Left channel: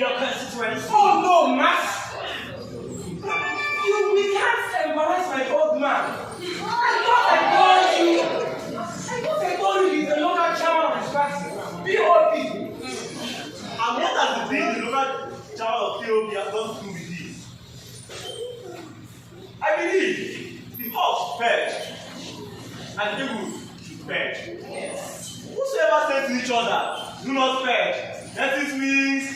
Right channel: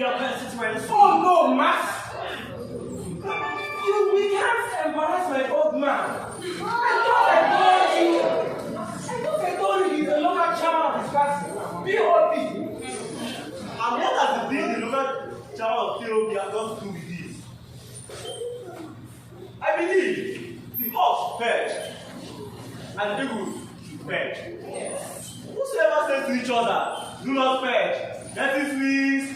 your constituency. Oh no, Max! We can't embarrass my old man. I thought I told you he's the local chairman of his party. POP. And what has the being the local chairman of POP has got to do with this? I believe the horse should purge and the people should purge. Yes. Whosoever says to each other, do not purge, that it means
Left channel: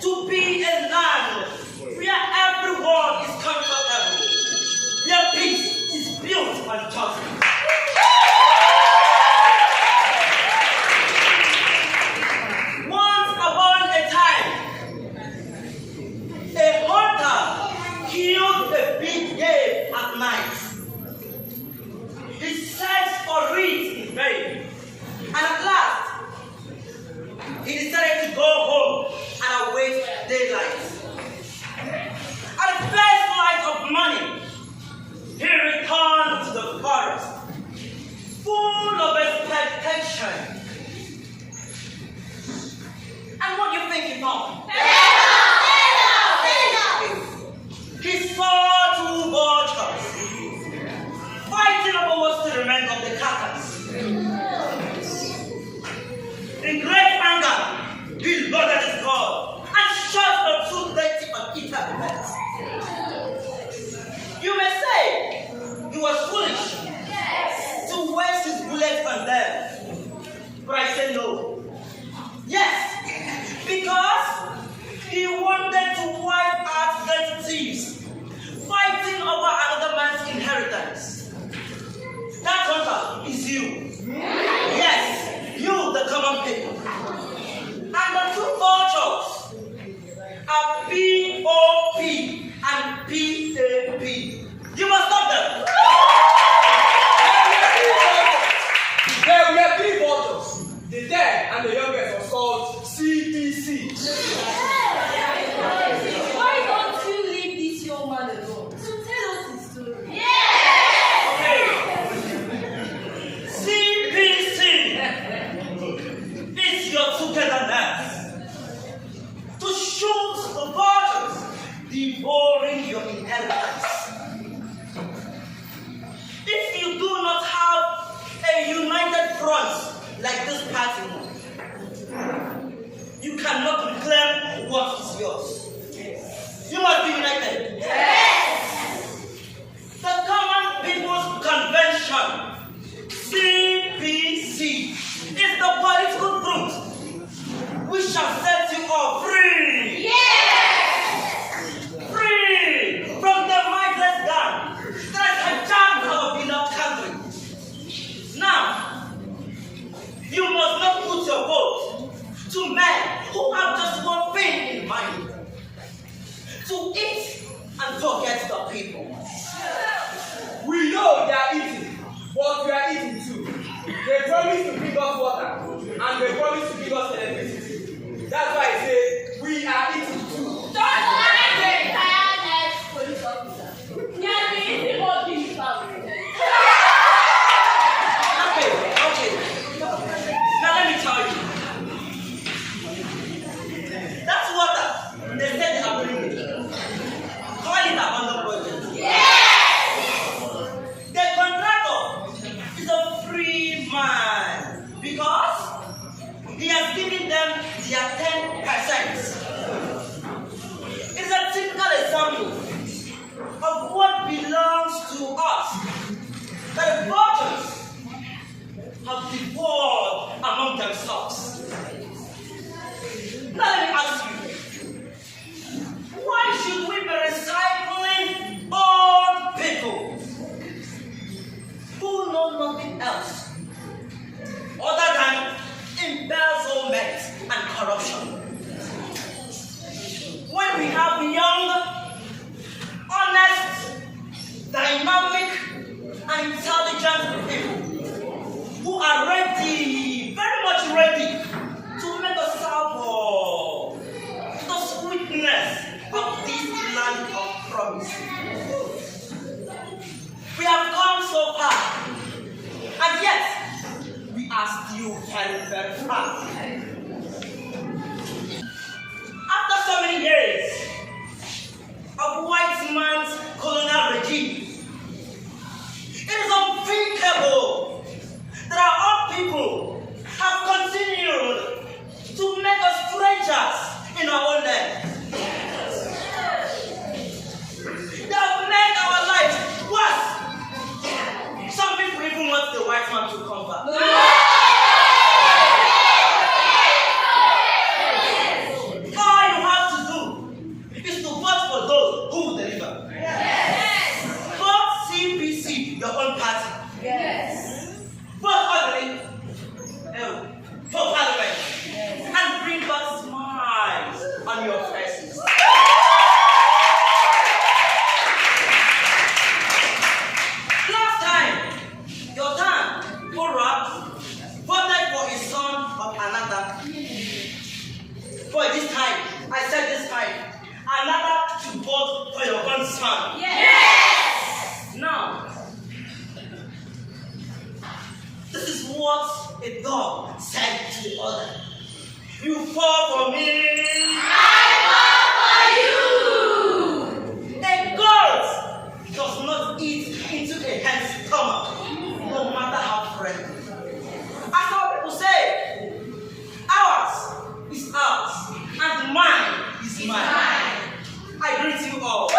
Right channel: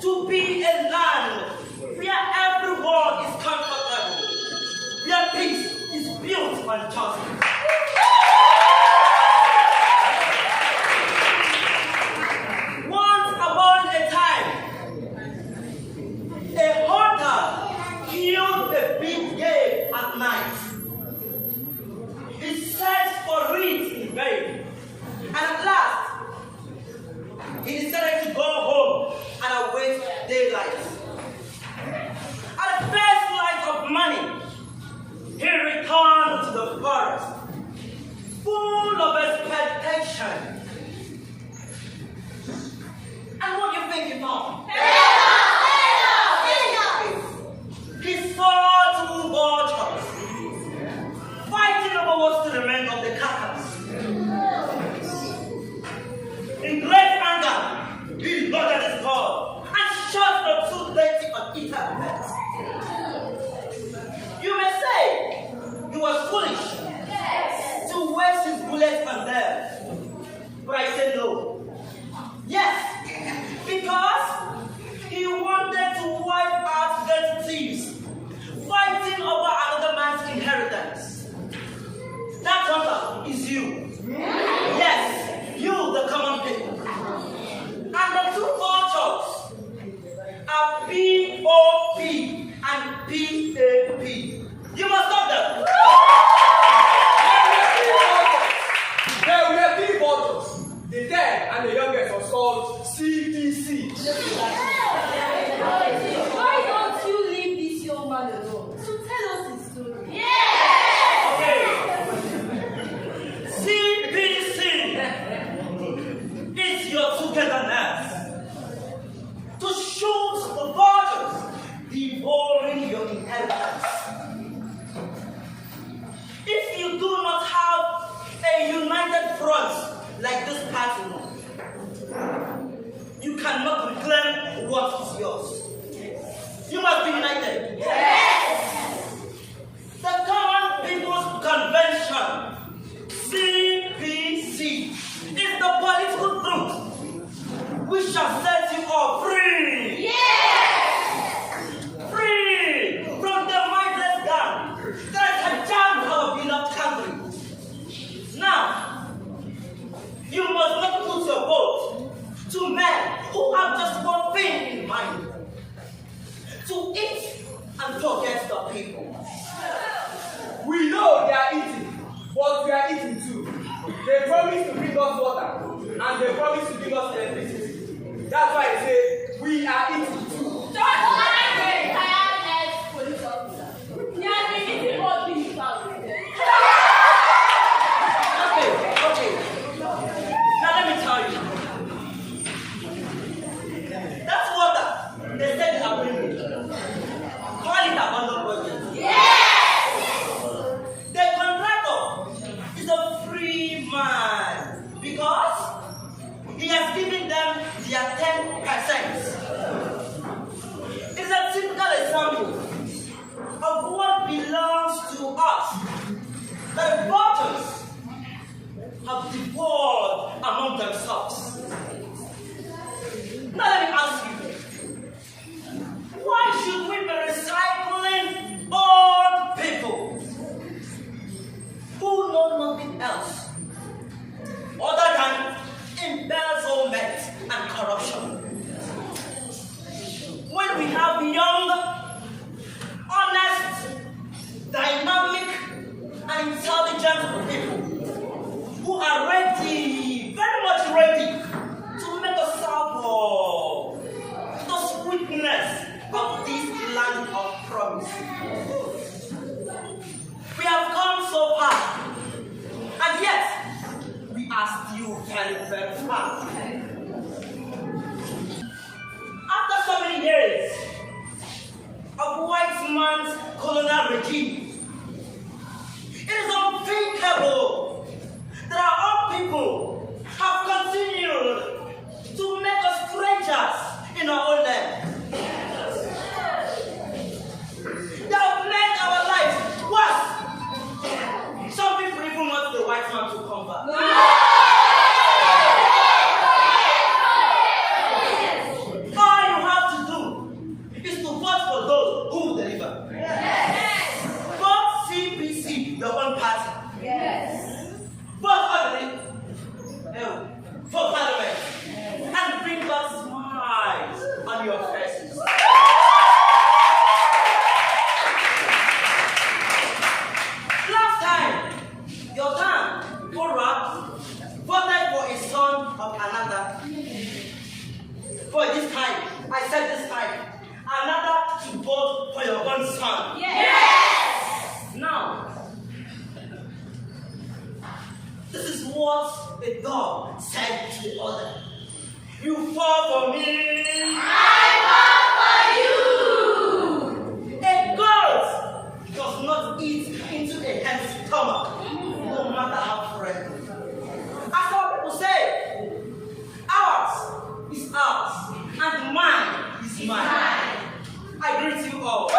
to be a land where everyone is comfortable, where peace is built on justice. Once upon a time, a hunter killed a big game at night. He searched for it in vain, and at last, he decided to go home and await daylight. At the first light of morning, he returned to the forest, full of expectation. And what do you think he found? He saw two vultures fighting over what's the remainder of the carcass. In great anger, he loaded his gun and shot the two dirty and eaten birds. You may say he was foolish to waste his bullets on them, but I say no. Yes, because he wanted to wipe out the thieves fighting over another man's inheritance. That hunter is you. Yes, you, the common people. And the two vultures are POP and PAP. You must stop them. There were three vultures. The dead and the youngest was called CTC. Why don't you leave this young man alone to tell us his story? Okay. CPC is your togetherness to shoot the vultures devouring your inheritance. If you do not have a united front like this party, you cannot reclaim what is yours. You must be united. Yes! The Common People's Convention, CPC, is the political truth which shall set you all free. Yes! Free from the mindless gang that has jammed our beloved country. Now, you must not put your vote to men who have just one thing in mind: to eat and forget the people. We know they are eating, but we are eating too. They promise to bring us water, and they promise to bring us electricity. That's why I say we are eating too. Don't mind the retired ex-police officer. They are the eating all these families. Okay. Now let me tell you. That's water. They said they are bringing it. Call it abandoned project. Yes! The contractor is a free man because he has given them their 10%. goodness of this land of promise. We have come so far, and yet we are still very, very far. After so many years of white man's colonial regime, it is unthinkable that our own people have continued to make us strangers in our own land. They have made our lives worse. Some people even want the white man to come back. All you have to do is to vote for those who will deliver. Vote CPC, your own party. Vote ugly for parliament and bring back smiles on your faces. Last time, your dad, Korab, voted for his son of another. But this time, I said this time, another to vote for your own son. Yes! Now, this is what a dog said to the other. You fall for me. I fall for you! A goat does not eat into a hen's stomach, no matter how friendly. As our people say, ours is ours, and mine is mine. I greet you all.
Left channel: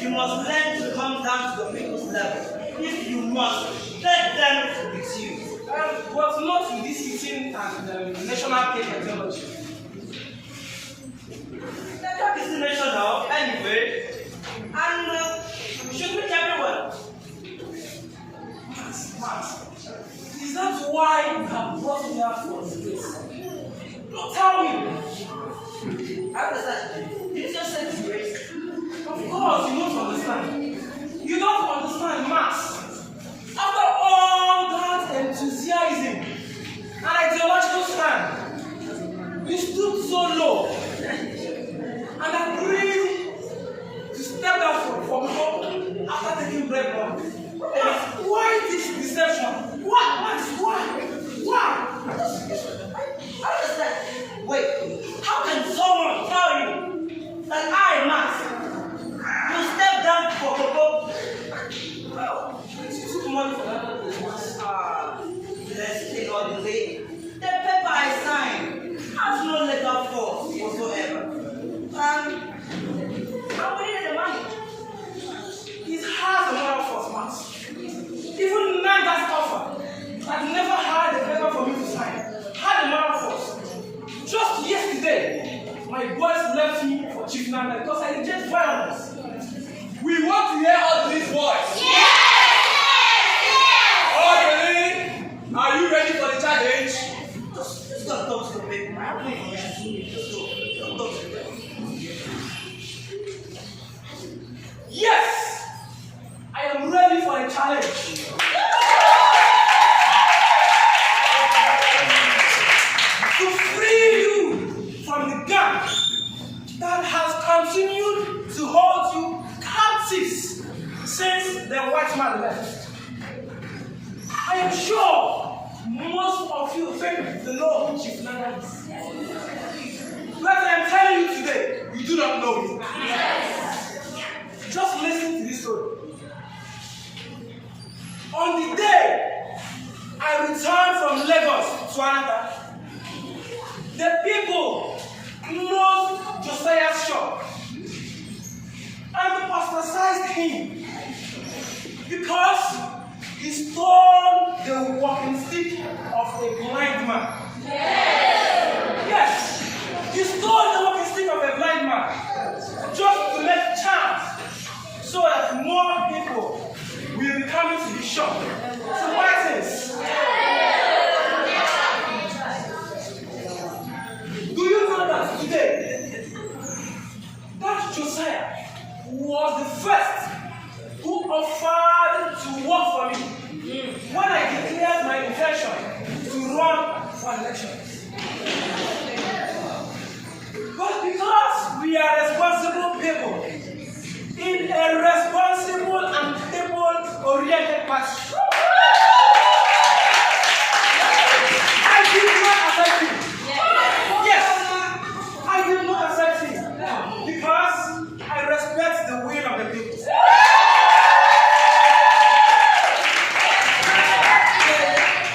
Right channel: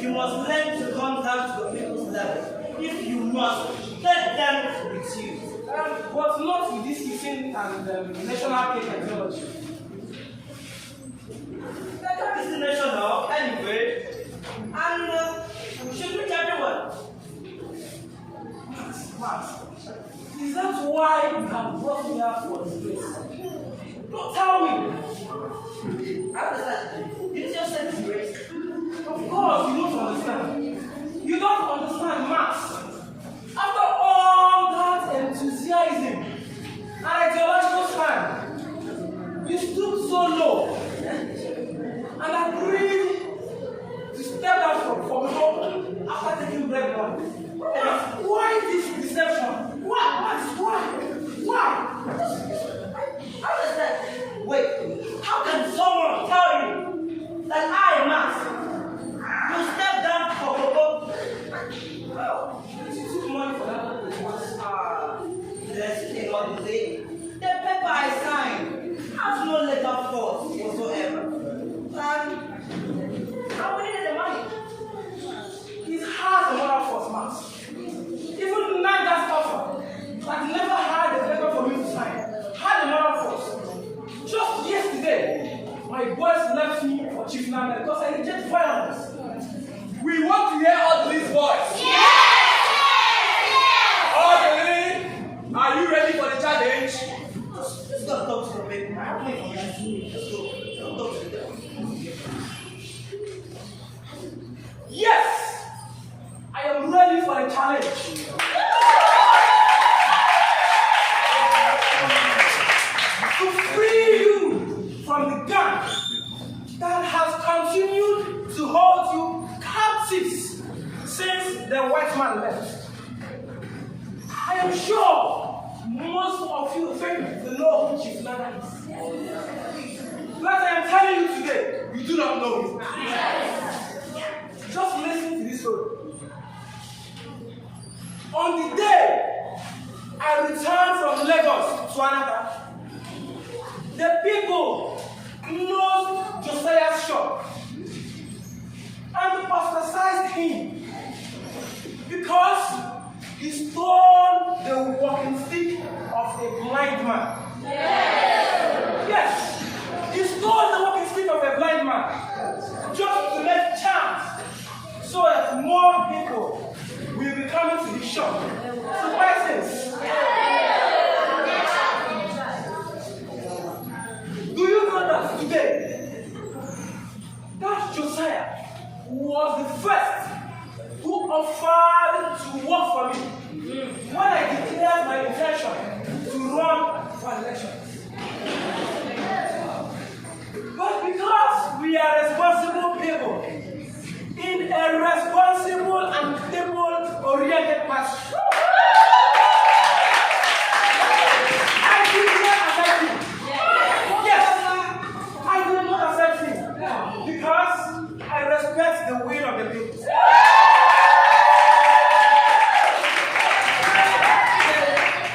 You must learn to come down to the people's level. If you must, let them with you. But not with this eating and national cake technology. That is the national anyway, and we should reach everywhere. Max, is that why you have brought me out for this? Don't tell me. I understand. Did you just say disgrace? Of course, you don't understand. You don't understand, Max. After all that enthusiasm and ideological stand, you stood so low and agreed to step down from home after taking bread from. Why this deception? Why? I understand. Wait, how can someone tell you that I, Max, you step down for Coco? Well, you took money for that. Let's take all the day. The paper I signed has no legal force whatsoever. And how will you get the money? It has a moral force, Max. Even Nanga's offer, that never had a paper for me to sign, had a moral force. Just yesterday, my boys left me for Chief Nanga because I reject violence. We want to hear all these boys. Yes! Okay, are you ready for the challenge? Just go talk to the people. Let's go. Talk to them. Yes! I am ready for the challenge. To free you from the gang that has continued to hold you captives since the white man left. I am sure most of you think the know who Chief Nana is. But I am telling you today, you do not know him. Just listen to this story. On the day I returned from Lagos to Anata, The people know Josiah's shop and ostracized him because he stole the walking stick of a blind man. Yes, he stole the walking stick of a blind man just to make chance so that more people will be coming to his shop to buy things. Do you know that today, that Josiah was the first who offered to work for me when I declared my intention to run for elections? But because we are responsible people in a responsible and people-oriented party, I did not accept him. Yes, I did not accept him because I respect the will of the people.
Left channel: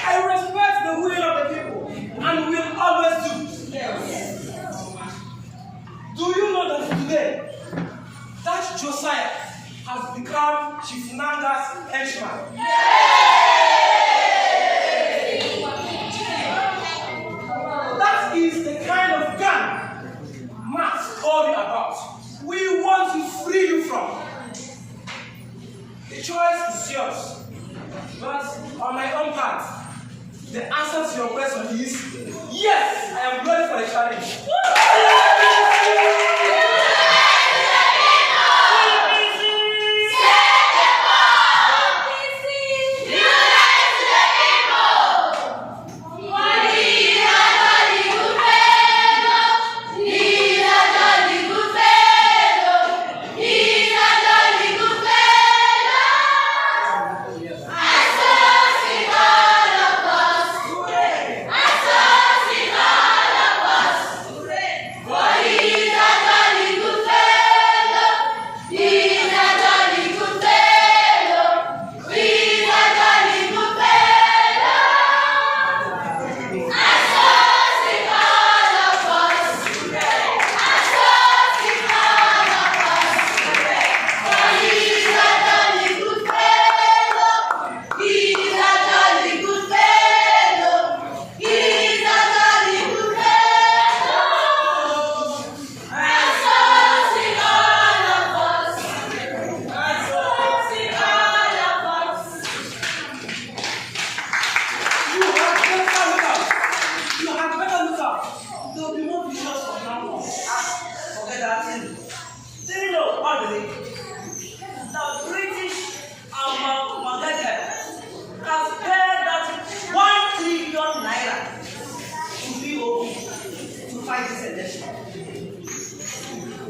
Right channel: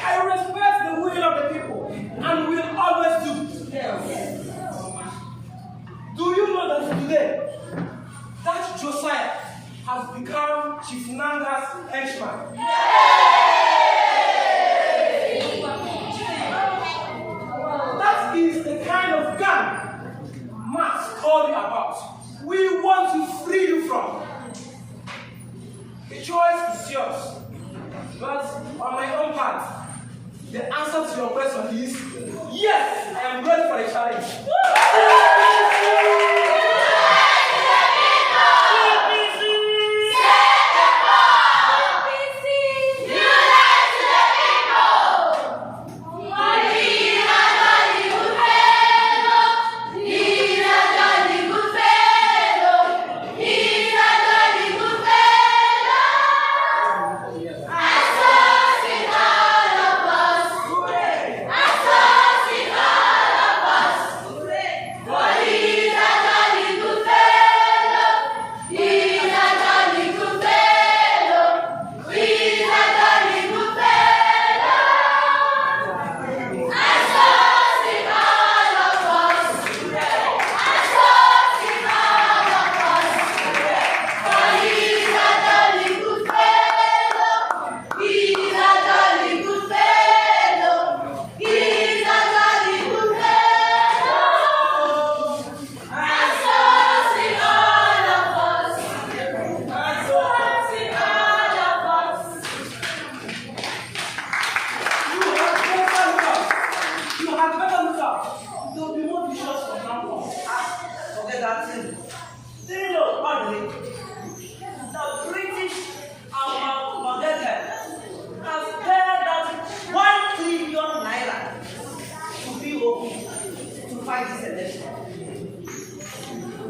I respect the will of the people and will always do. Do you know that today, that Josiah has become Chief Nanga's henchman? That is the kind of gun Max told you about. We want to free you from. The choice is yours. But on my own part, the answer to your question is yes, I am ready for the challenge.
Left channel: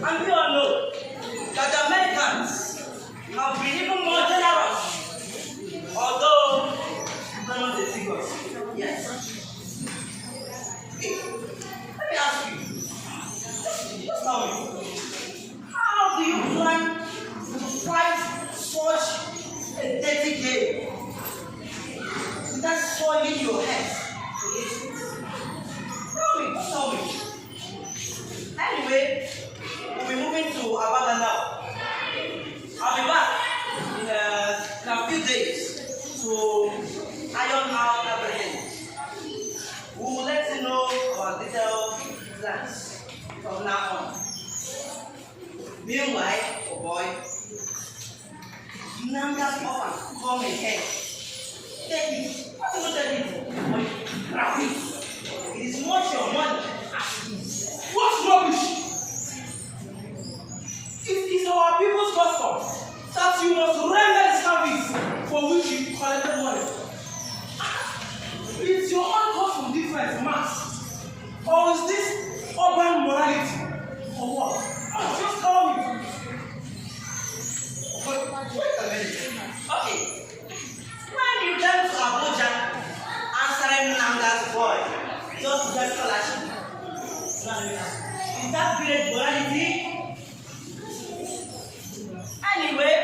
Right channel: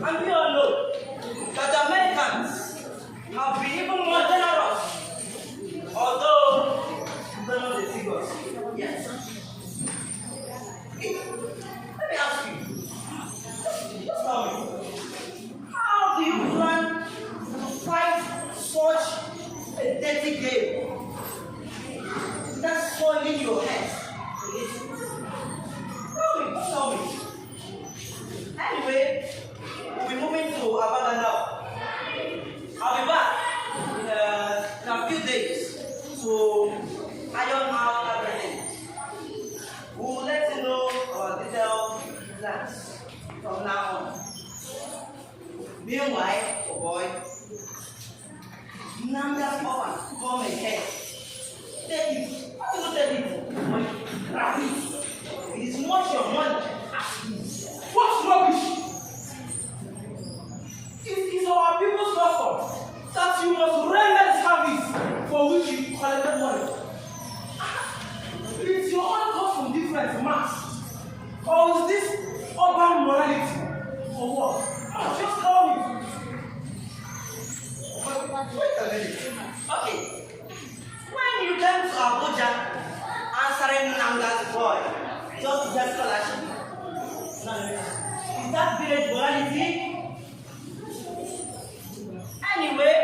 And we all know that the Americans have been even more generous, although we don't know the figures. Yes. Hey, let me ask you, just tell me, how do you plan to fight such a dirty game without soiling your hands? Tell me. Anyway, we'll be moving to Abada now. I'll be back in a few days to iron out everything. We'll let you know our detailed plans from now on. Meanwhile, oh boy, Nanga's offer come ahead. Take it. What do you take it? Grab it. It is not your money. What's rubbish? It is our people's custom that you must render service for which you collected money. It's your own custom different, mass. Or is this urban morality? Or what? Just tell me. Wait a minute. Okay. When you came to Abuja answering Nanga's boy, just to get scholarship. Is that village morality? Anyway,